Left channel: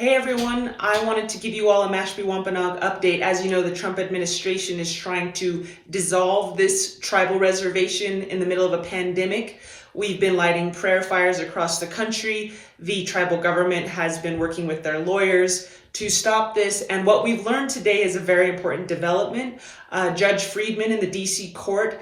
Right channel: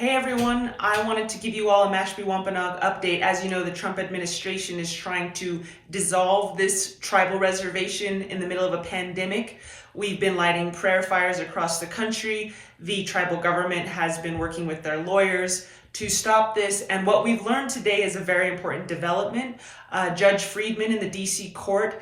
Hey everyone, I wanted to give you all a Mashpee Wampanoag update. As you know, the Trump administration is trying to dissolve this tribal reservation in the middle of a pandemic. We've been lighting prayer fires across the country. The tribal government has been working with their lawyers to stop this. And what we've learned today is a very important development. Judge Friedman in the DC court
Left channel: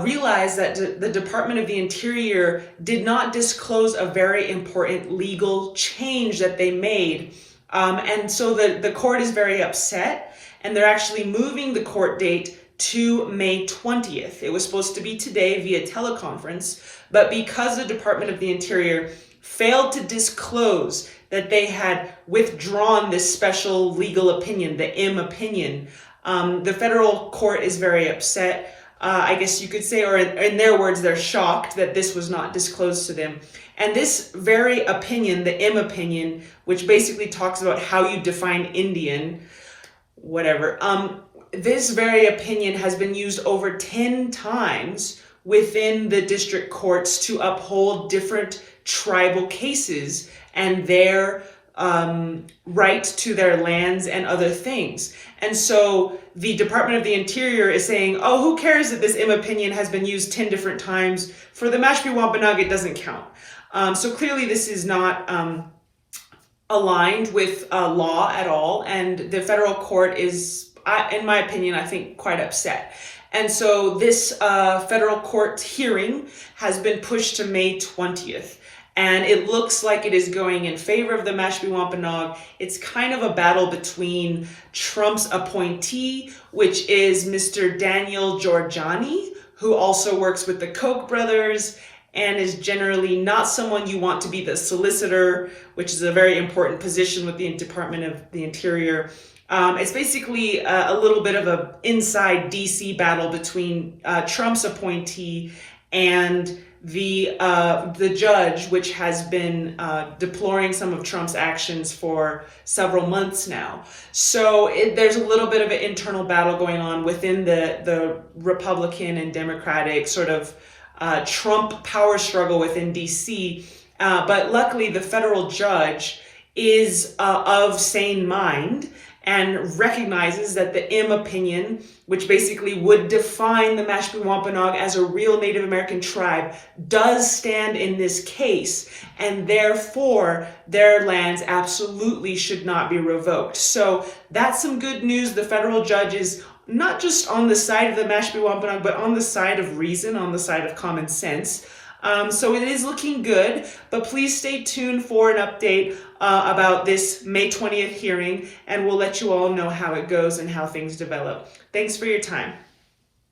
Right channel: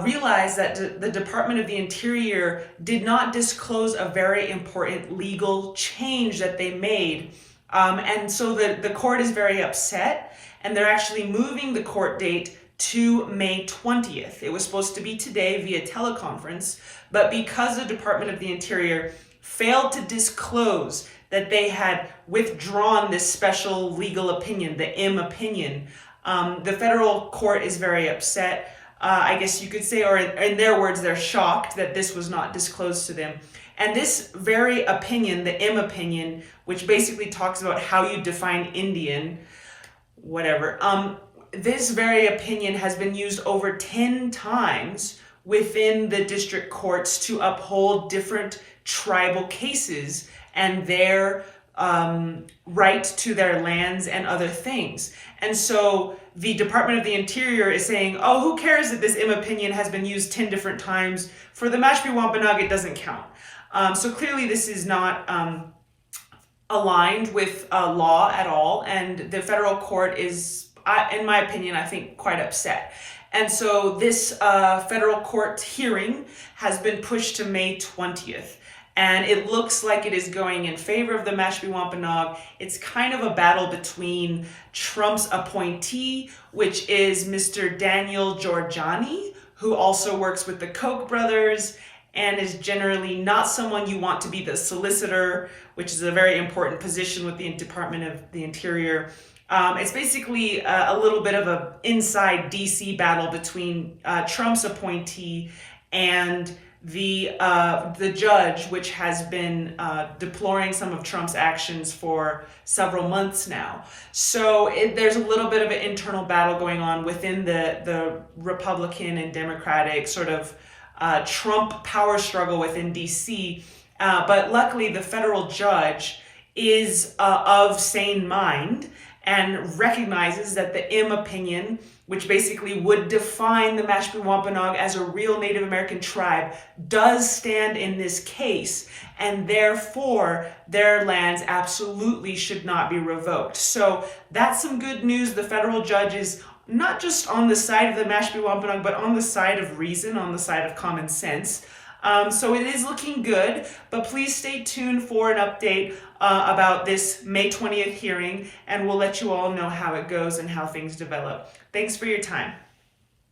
realized that the Department of the Interior did not disclose a very important legal change that they made. And so the court is very upset, and they're actually moving the court date to May 20th. It was supposed to be today via teleconference, but because the Department of the Interior failed to disclose that they had withdrawn this special legal opinion, the M opinion, the federal court is very upset. I guess you could say, or in their words, they're shocked that this was not disclosed to them. And this very opinion, the M opinion, which basically talks about how you define Indian, whatever, this very opinion has been used over 10 times within the district courts to uphold different tribal cases and their right to their lands and other things. And so the Department of the Interior is saying, oh, who cares that this M opinion has been used 10 different times? For the Mashpee Wampanoag, it doesn't count. So clearly this is not aligned with law at all. And the federal court is, in my opinion, I think quite upset. And so this federal court hearing has been pushed to May 20th. And it looks like it is going in favor of the Mashpee Wampanoag. It's kind of a battle between Trump's appointee, which is Mr. Daniel Georgiani, who also works with the Koch brothers and is generally not someone you want to be the solicitor, which is a very important position with the Department of the Interior. It's basically a little bit of an inside DC battle between Trump's appointee and the judge, which has been deploring some of Trump's actions for several months now. So there's a little bit of an internal battle going on within the Republican and Democratic sort of Trump power struggle within DC. But luckily, the federal judge is of sane mind and recognizes that the M opinion, which basically would define the Mashpee Wampanoag as a real Native American tribe, does stand in this case, and therefore their lands absolutely should not be revoked. So that's some good news. The federal judge is not just on the side of the Mashpee Wampanoag, but on the side of reason, on the side of common sense. So it is looking good, but please stay tuned for an update about this May 20th hearing, and we'll let you all know how it goes and how things develop. Thanks for your time.